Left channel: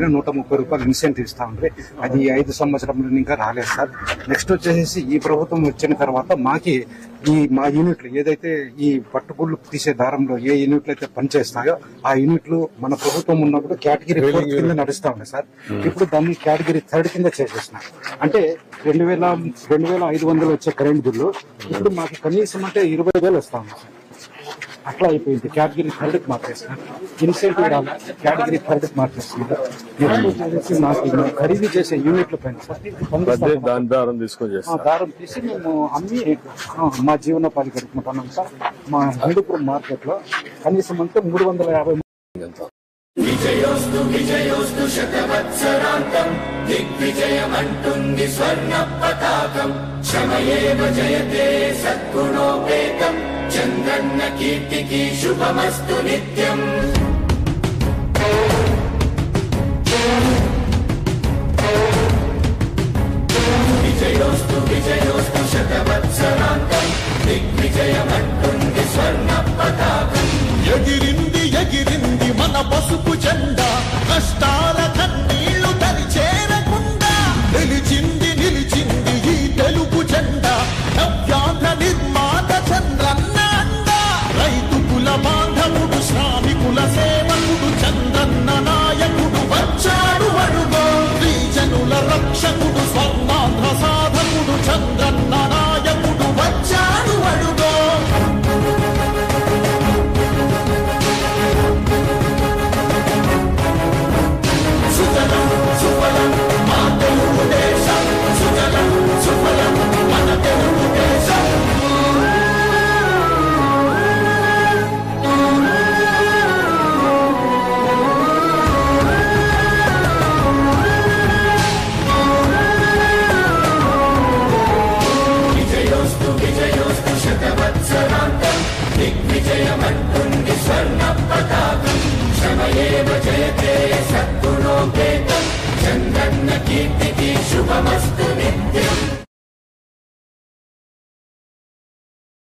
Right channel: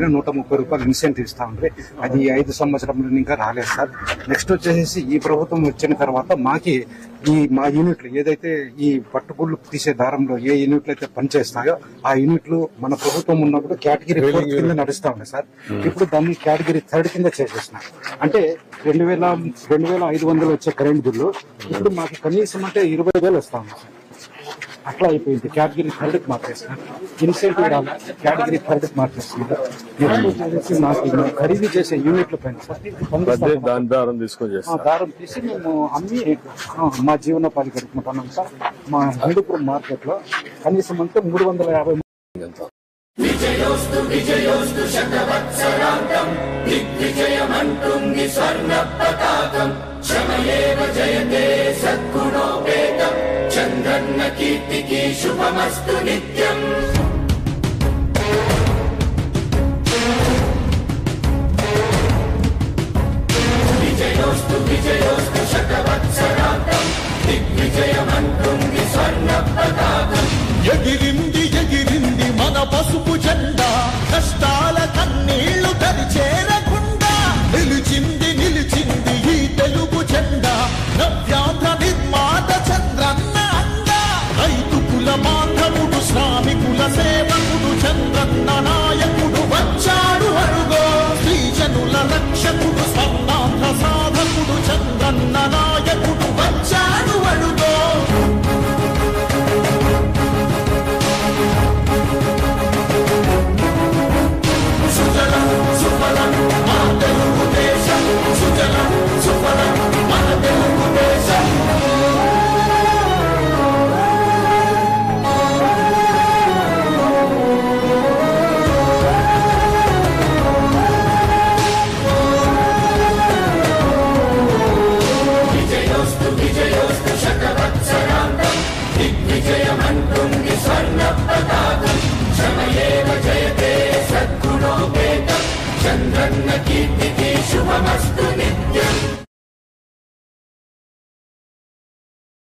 పైన 130 రూపాయలు ఇన్సెంటివ్ ఇస్తా ఉంటే అది 5 సంవత్సరంలో ఇంకా రాలేదు సార్. నెక్స్ట్ వచ్చేసి ఈ ప్రభుత్వం వచ్చిన తర్వాత మా యూనిట్లు ఏదైతే ఈ పట్టుగుళ్ళు తీసే దారంలో ఏ యూనిట్లు అయితే పనిచేస్తాయో ఆ యూనిట్లు మన ప్రభుత్వం ఉన్నప్పుడు కేటగిరీ 4 కింద నడుస్తా ఉన్నాయి సార్. ఇప్పుడు దాన్ని కేటగిరీ 3 కింద చేసేసినాం. అంటే 2,500 వచ్చే కరెంట్ బిల్లు ఇప్పుడు మాకు కనీసం అంటే 20,000 వస్తా ఉంది సార్. అట్లా అయిపోయింది. కేటగిరీ 3కి మార్చేస్తున్నారు. ఇన్సెంటివ్ కేటగిరీ 3కి మార్చేస్తున్నారు. నెక్స్ట్ మాకు ఖరీదు చేసే యూనిట్ల పైన దారం తీసి మేము అమ్మి మా జీవనోపాధి గడుపుకుంటున్నాం సార్. మా హిందూపురం మార్కెట్ లో కనీసం అంటే 350 విజయోస్తు శతవత్సరాంతం దిగ్విజయమంటుంది స్వర్ణ పతాకం క్షమయేవ జయతే సద్గుణోపేతం చంద్రన్న కీర్తికి శుభమస్తు నిత్యం. విజయోస్తు శతవత్సరాంతం దిగ్విజయమంటుంది స్వర్ణ పతాకం ఎగిరింది మన పసుపు జెండా కష్టాల కన్నీళ్లు తని చేరకుండా నిలిచింది ఈ తెలుగు జెండా నవ్యాంధ్ర నిర్మాత చంద్రన్న అండ రైతు కుల బాంధవుడు శ్రామికుల సేవకుడు చంద్రన్న నాయకుడు వచ్చాడు అడుగో శ్రీజనుల రక్షకుడు స్వర్ణాంధ్ర సాధకుడు చంద్రన్న నాయకుడు వచ్చాడు అడుగో. విజయోస్తు శతవత్సరాంతం దిగ్విజయమంటుంది స్వర్ణ పతాకం క్షమయేవ జయతే సద్గుణోపేతం చంద్రన్న కీర్తికి శుభమస్తు.